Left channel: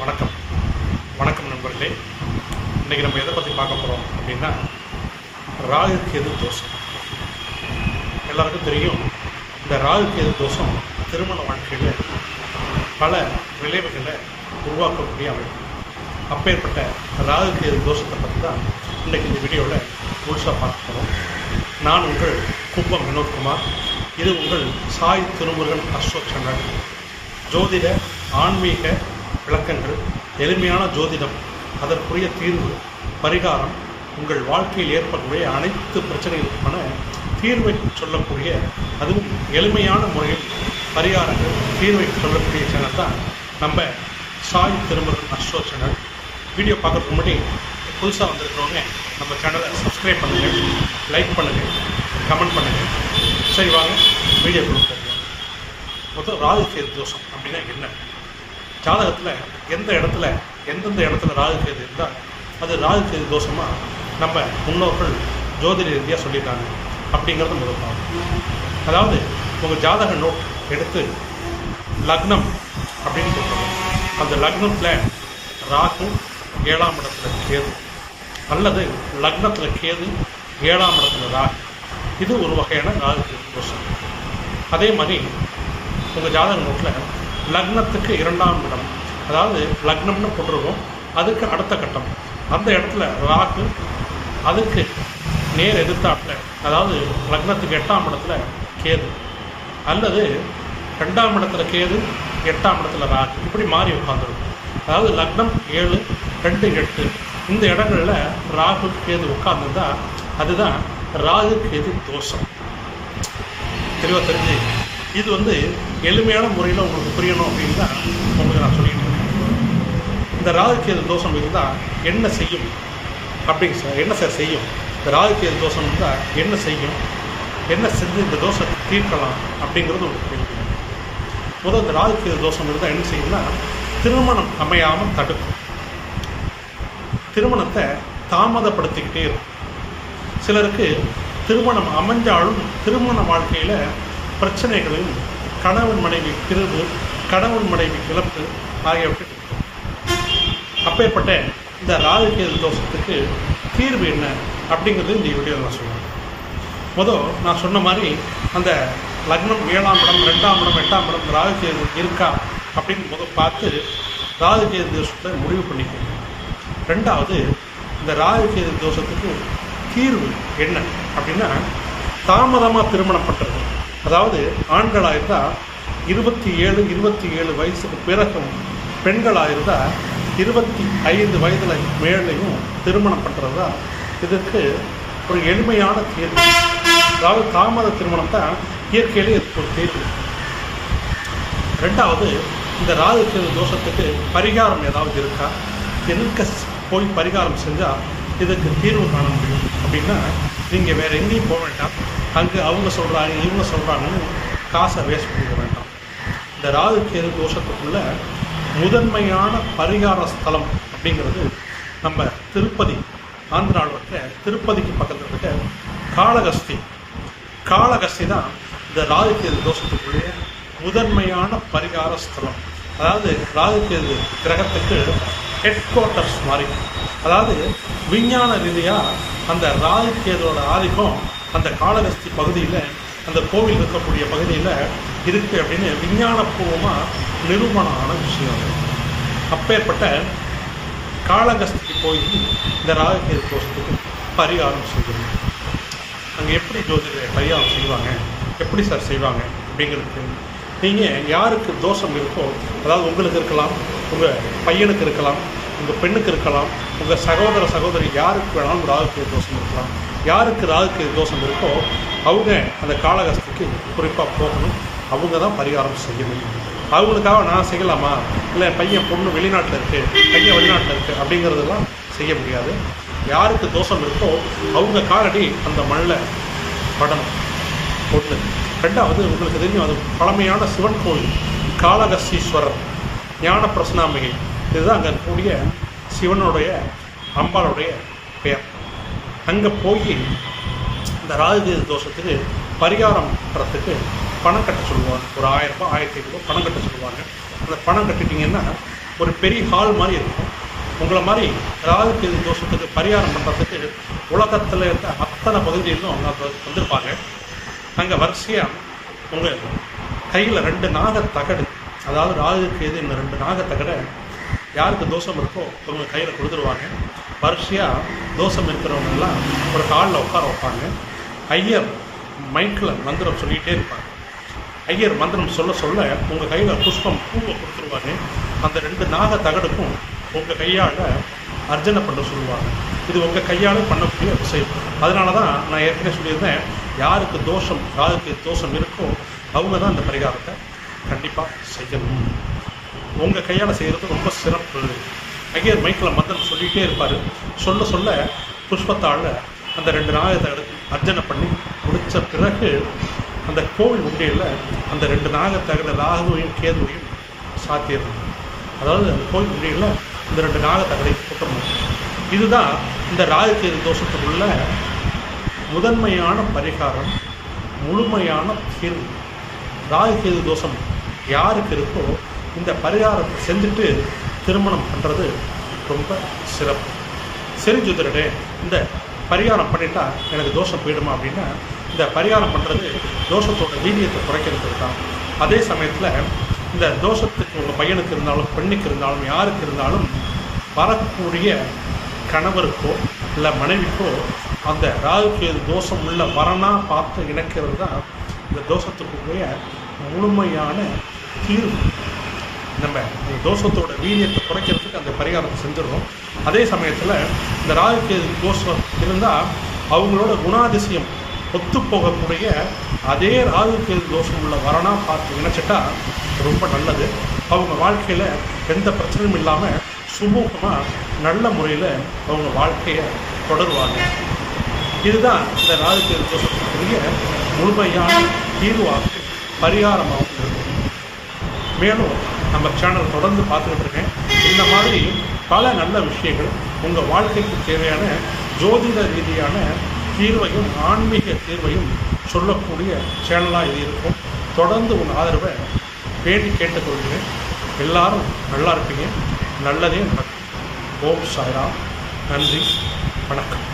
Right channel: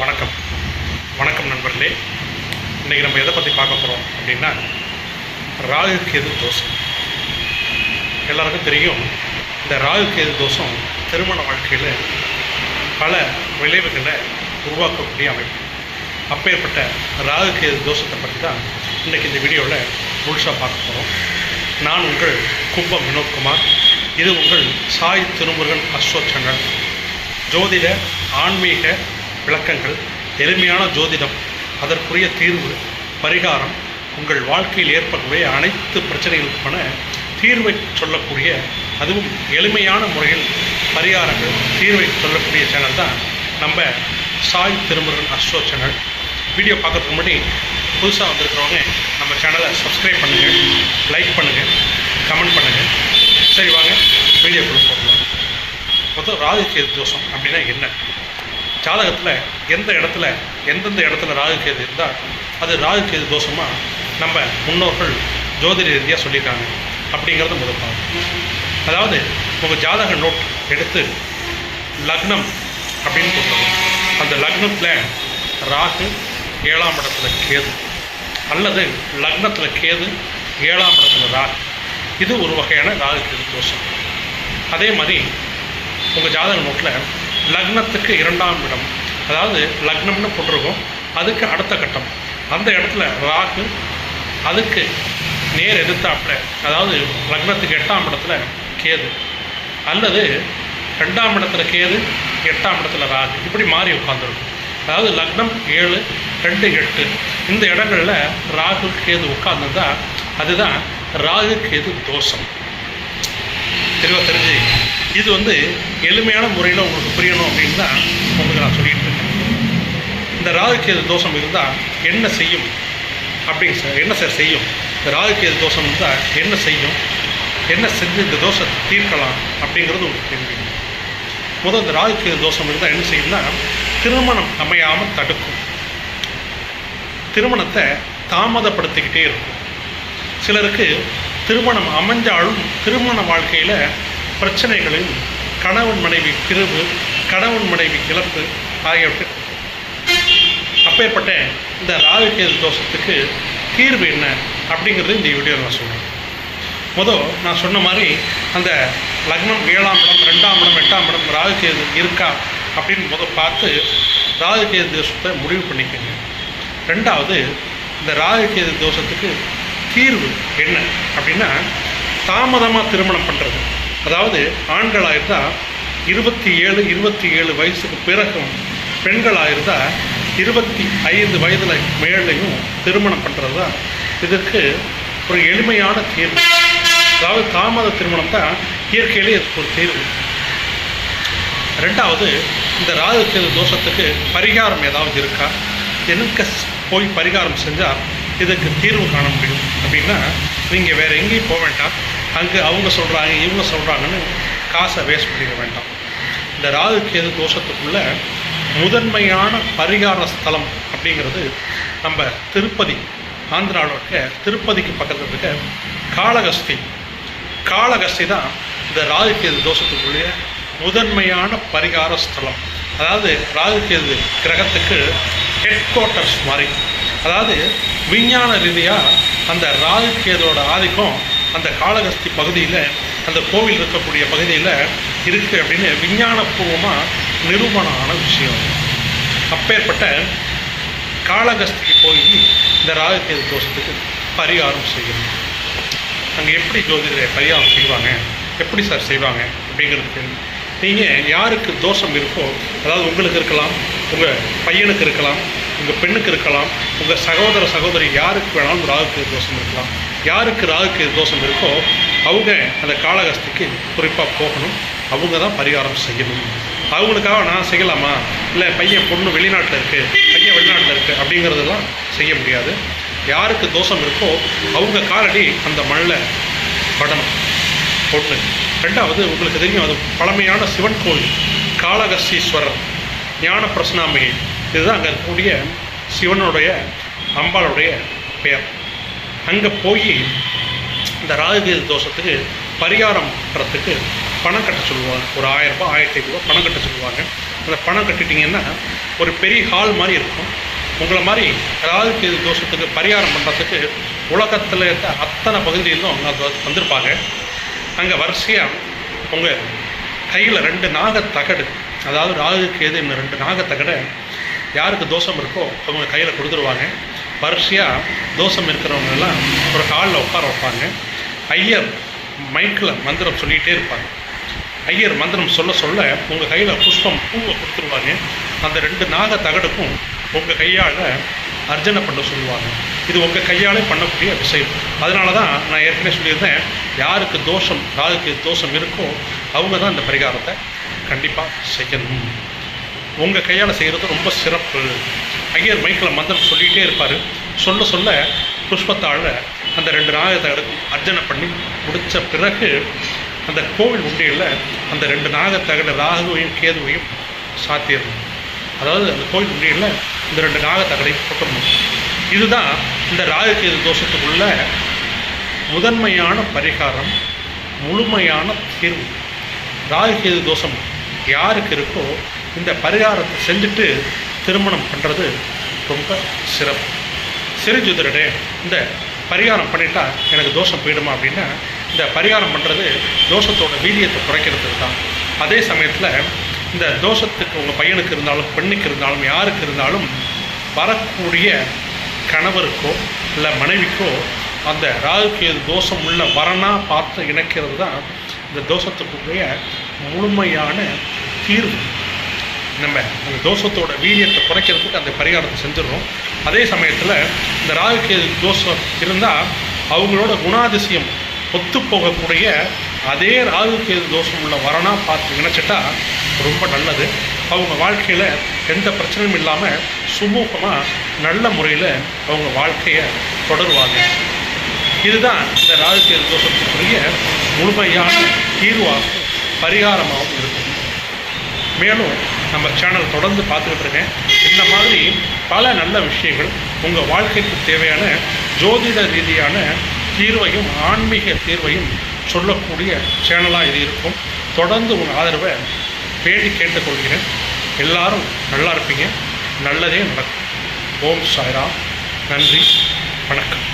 வணக்கம் வணக்கம் நண்பர்களே. இன்றைக்கி நம்ம எதை பற்றி பார்க்க போகிறோம் அப்படின்னா, ராகு கேது தோஷம். எல்லாருக்கும் தெரியும், இந்த ராகு கேது தோஷம் திருமண வாழ்க்கையில் பல விளைவுகளை உருவாக்கக்கூடிய அமைப்பு. அப்பேற்பட்ட ராகு கேது தோஷத்தை பற்றி தான் இன்றைக்கி இந்த வீடியோவில் முழுசாக பார்க்க போகிறோம். நான் உங்கள் கும்பம் வினோத்குமார். இது உங்கள் சாய் திருமுருகன் அஸ்ட்ரோ சேனல். ஜோதிட ஆன்மீக விளக்கங்கள், எளிமையான ஜோதிடம், அதற்குரிய தீர்வு, பரிகாரம், உங்கள் வாழ்க்கையில் ஏற்படக்கூடிய அனைத்து பிரச்சனைகளுக்கான தீர்வை சொல்லக்கூடிய, அதுவும் எளிமையான முறையில் பரிகாரங்கள் தீர்வை சொல்லக்கூடிய சேனல் தான் நம்ம Sai Thirumurugan astro channel. Video பார்க்கறதுக்கு முன்னாடி புதுசாக வந்திருக்கிறவங்க நம்ம சேனலை சப்ஸ்கிரைப் பண்ணுங்கள், லைக் பண்ணுங்கள், கமெண்ட் பண்ணுங்கள். சரி, வாங்க வீடியோக்குள்ள போகலாம். மொத்தம் ராகு கேது தோஷம் அப்படின்னா என்ன? ஜாதகத்தில் எந்தெந்த இடத்துல ராகு கேது இருந்தால் அது ராகு கேது தோஷமாக நம்ம முன்னோர்கள் ஜோதிட ரீதியாக சொல்லியிருக்காங்க அப்படிங்கிறத முதல் பார்க்கணும். அதாவது உங்கள் ஜாதக நோட் எடுத்து லக்னம் அப்படின்னு போட்டுருவோம். அந்த லக்னத்தில் ராகு 7ஆம் இடத்துல கேது, அல்லது லக்னத்தில் கேது 7ஆம் இடத்துல ராகு, இது ஒரு வகையான ராகு கேது தோஷம். அதே மாதிரி உங்கள் ஜாதக நோட்டில் லக்னத்துக்கு 2ஆம் இடம், அதாவது லக்னம்னு போட்டிருக்கோம், அதுக்கு அடுத்த கட்டம், அந்த இடத்துல ராகு, அதுக்கு நேர் எதிர்த்தாப்பில், அதாவது லக்னத்துக்கு 8ஆம் இடத்துல கேது, அல்லது 2ஆம் இடத்துல கேது 8ஆம் இடத்துல ராகு, இப்படி மாறி உட்காந்துருக்கும். அதாவது லக்னம் 7, 2, 8 இந்த இடங்களில் ராகு கேது உட்கார்ந்துருந்தா அதுதான் ராகு கேது தோஷம். தெளிவாக தெரிஞ்சு, இது எளிமையான முறையில் உங்களுக்கு புரியணும் அப்படின்னு தான் உங்களுக்கு நான் சொல்லிகிட்டு இருக்கேன். இந்த ராகு கேது தோஷம் இருந்தால் என்ன செய்யும் அப்படிங்க சார், என்ன சார் செய்யும்? இந்த ராகு கேது தோஷம் இருந்தால் என்ன செய்யும், என்ன செஞ்சு இந்த தோஷத்தை தீர்க்கலாம் அப்படிங்கிறது உங்களுக்கு தெரியும். முதல் இந்த ராகு கேது தோஷம் இருந்தால் என்ன செய்யும்னா, திருமணம் அமையாமல் தடுக்கும், திருமணத்தை தாமதப்படுத்திக்கிட்டே இருக்கும். சிலருக்கு திருமணம் அமைஞ்சாலும் திருமண வாழ்க்கையில் பிரச்சனைகளையும், கணவன் மனைவி பிரிவு, கணவன் மனைவி இழப்பு ஆகியவற்றை. அப்பேற்பட்ட இந்த ராகு கேது தோஷத்துக்கு தீர்வு என்ன அப்படிங்கிறது இந்த வீடியோவில் நான் சொல்கிறேன். நான் சொன்ன மாதிரி அந்த லக்னம் 7ஆம் இடம், 2ஆம் இடம், 8ஆம் இடம் ராகு கேது இருக்கா அப்படின்னு பார்த்து ராகு கேது தோஷத்தை முடிவு பண்ணிக்கோங்க. ரெண்டாவது, இந்த ராகு கேது தோஷத்துக்கு தீர்வு என்ன அப்படின்னா, தாமதமாக திருமணம் பண்ணுறது. அதாவது ஆண்களாக இருந்தால் 27 வயசுக்கு பிறகும், பெண்களாக இருந்தால் 25 வயதில் மேலையும் திருமணம் பண்ணுறது தான் இதுக்கு ஒரு எளிமையான தீர்வு. அதாவது தாமத திருமணம் தான் இயற்கையிலே இதுக்கு ஒரு தீர்வு. ரெண்டாவது, இந்த ராகு கேது தோஷத்துக்கு பரிகாரம் ஏதாவது இருக்கா, எனக்கு போய் பரிகாரம் செஞ்சால் இதுக்கு தீர்வு காண முடியும் அப்படின்னா, நீங்கள் வேறு எங்கேயும் போக வேண்டாம். அங்கே அவங்க சொல்கிறாங்க, இவங்க சொல்கிறாங்கன்னு காசை வேஸ்ட் பண்ணிக்க வேண்டாம். இந்த ராகு கேது தோஷத்துக்குள்ள முதன்மையான பரிகார ஸ்தலம் அப்படிங்கிறது நம்ம திருப்பதி, ஆந்திராவில் இருக்க திருப்பதிக்கு பக்கத்தில் இருக்க காளகஸ்தி தான் இந்த ராகு கேது தோஷத்துக்குள்ளே முதன்மையான பரிகார ஸ்தலம். அதாவது ராகு கேது கிரகத்துக்கு ஹெட் குவார்ட்டர்ஸ் மாதிரி. அதாவது விஞ்ஞான ரீதியாக அந்த ராகு கேதோட ஆதிக்கம் அந்த காளகஸ்தி பகுதியில், அந்த கோவில் இருக்கக்கூடிய பகுதியில் இருக்குது அப்படின்னு விஞ்ஞானபூர்வமாக நிரூபணம் ஆன விஷயம். அப்பேற்பட்ட காளகஸ்திக்கு போய் இந்த ராகு கேது தோஷத்துக்கு பரிகாரம் செய்யணும். அங்கே எப்படி ஜோதிடரை பரிகாரம் செய்வாங்க, எப்படி சார் செய்வாங்க அப்படிங்கிறதுக்கு, நீங்கள் யாருக்கு தோஷம் இருக்கோ, அதாவது உங்களுக்கு இருக்கலாம், உங்கள் பையனுக்கு இருக்கலாம், உங்கள் பெண்ணுக்கு இருக்கலாம், உங்கள் சகோதரி யாருக்கு வேணாலும் ராகு கேது தோஷம் இருக்கலாம். யாருக்கு ராகு கேது தோஷம் இருக்கோ அவங்க அந்த காளகஸ்திக்கு குறிப்பாக போகணும், அவங்க தான் பரிகாரம் செய்யணும். அவங்களுக்காக நான் செய்யலாமா, இல்லை பையன் பொண்ணு வெளிநாட்டில் இருக்குது, பையன் வெளிநாட்டில் இருக்குது அப்படிங்கிறதெல்லாம் செய்ய முடியாது. யாருக்கு தோஷம் இருக்கோ அவங்க காலடி அந்த மண்ணில் படணும் பொண்ணு. ரெண்டாவது, உங்களுக்கு தெரியும், அது பழமையான சிவன் கோவில் காளகஸ்தீஸ்வரர், ஞான பிரசனாம்பிகை, இதுதான் அங்கே இருக்கக்கூடிய சிவனுடைய அம்பாளுடைய பெயர். அங்கே போய் இந்த ராகு கேது தோஷத்துக்கு பரிகாரம் பண்ணுறதுக்கு பணம் கட்ட சொல்லுவாங்க. ஒரு 1000 ரூபாய் 1500 ரூபா பணம் கட்ட சொல்லுவாங்க. அந்த பணம் கட்டிட்டிங்கன்னா ஒரு பெரிய ஹால் மாதிரி இருக்கும். உங்களை மாதிரி ராகு கேது தோஷத்துக்கு பரிகாரம் பண்ணுறதுக்கு உலகத்தில் இருக்க அத்தனை பகுதியிலும் அவங்க வந்திருப்பாங்க. அங்கே வரிசையாக உங்கள் கையில் 2 நாகத்தகடு, அதாவது ராகு கேது இன்னும் 2 நாகத்தகடை யாருக்கு தோஷம் இருக்கோ அவங்க கையில் கொடுத்துருவாங்க. வரிசையாக தோஷம் இருக்கிறவங்கெல்லாம் ஒரு காலில் உட்கார வைப்பாங்க. ஐயர் மைக்கில் மந்திரம் சொல்லிகிட்டே இருப்பாங்க. ஐயர் மந்திரம் சொல்ல சொல்ல உங்கள் கையில் புஷ்பம் பூவை கொடுத்துருவாங்க. அந்த 2 நாகத்தகடுக்கும் உங்கள் கையால் அர்ச்சனை பண்ண சொல்லுவாங்க. இது உங்கள் கையாலே பண்ணக்கூடிய விஷயம். அதனால தான் நான் ஏற்கனவே சொல்லியிருந்தேன், யாருக்கு தோஷம் ராகுக்கு தோஷம் இருக்கோ அவங்க தான் இந்த பரிகாரத்தை கண்டிப்பாக செய்யணும். உங்கள் கையால் செய்கிறது ரொம்ப சிறப்பு. ஐயர் மைக்கில் மந்திரம் சொல்லிகிட்டே இருப்பார். சொல்ல சொல்ல புஷ்பத்தால் அந்த 2 நாகத்தகடுக்கும் அர்ச்சனை பண்ணி முடித்த பிறகு அந்த கோவில் உண்டியில் அந்த 2 நாகத்தகடு ராகுவையும் கேதுவையும் சாத்திடணும். அதாவது அந்த கோவில் உண்டியில் இந்த 2 நாகத்தகடை போட்டுடணும். இதுதான் இந்த ராகு கேது தோஷத்துக்குள்ள முதன்மையான பரிகாரம், முழுமையான தீர்வு. ராகு கேது தோஷம் யாருக்கு இருக்கோ இந்த பரிகாரத்தை செஞ்சுட்டு திருமணம் பண்ணுறது ரொம்ப சிறப்பு. சரி ஜோதிடரே, இந்த பரிகாரம் பண்ணிட்டா எனக்கு தோஷம் போயிடுமா அப்படின்னா, இந்த பரிகாரம் பண்ணுறது தோஷத்தோட வீரியத்தை குறைக்கிறதுக்கு தான். அதே சமயத்தில் இந்த தோஷத்துக்கு உங்கள் பையனுக்கு இருந்தாலும் பெண்ணுக்கு இருந்தாலும் யாருக்கு இருந்தாலும் வரக்கூடிய கணவருக்கோ இல்லை மனைவிக்கோ அந்த ராகு கேது தோஷம் உள்ள வரனாக பார்த்து இணைக்கிறது தான் இந்த தோஷத்துக்குரிய முழுமையான தீர்வு. நம்ம அந்த தோஷத்தோட வீரியத்தை குறைக்கிறதுக்கு அந்த பரிகாரத்தை செஞ்சிடறோம். அதே சமயத்தில் இந்த ராகு கேது தோஷம் இருந்தால் அவங்களோட குணாதிசயம் ஒத்து போகக்கூடிய அதே ராகு கேது தோஷம் உள்ள வரனாக பார்த்து இணைச்சிட்டா ரொம்ப நல்லது. அவங்க வாழ்க்கையில் எந்த பிரச்சனையும் இல்லாமல் சுமூகமாக நல்ல முறையில் அவங்க வாழ்க்கையை தொடருவாங்க. இதுதான் இந்த ராகு கேது தோஷத்துக்குரிய முழுமையான தீர்வாகவும் பரிகாரமாகவும் இருக்கும். மேலும் நம்ம சேனல் தொடர்ந்து பார்த்துக்கிட்டு இருக்கேன். இந்த மாதிரி பல நல்ல விஷயங்கள் உங்கள் வாழ்க்கைக்கு தேவையான ஜோதிட ரீதியான தீர்வையும் ஆன்மீக தீர்வையும் சொல்லக்கூடிய சேனலாக இது இருக்கும். தொடர்ந்து உங்கள் ஆதரவை வேண்டி கேட்டுக்கொள்கிறேன். எல்லாரும் நல்லா இருப்பீங்க. நல்லதே நடக்கும். ஓம் சாய்ராம். நன்றி, வணக்கம்.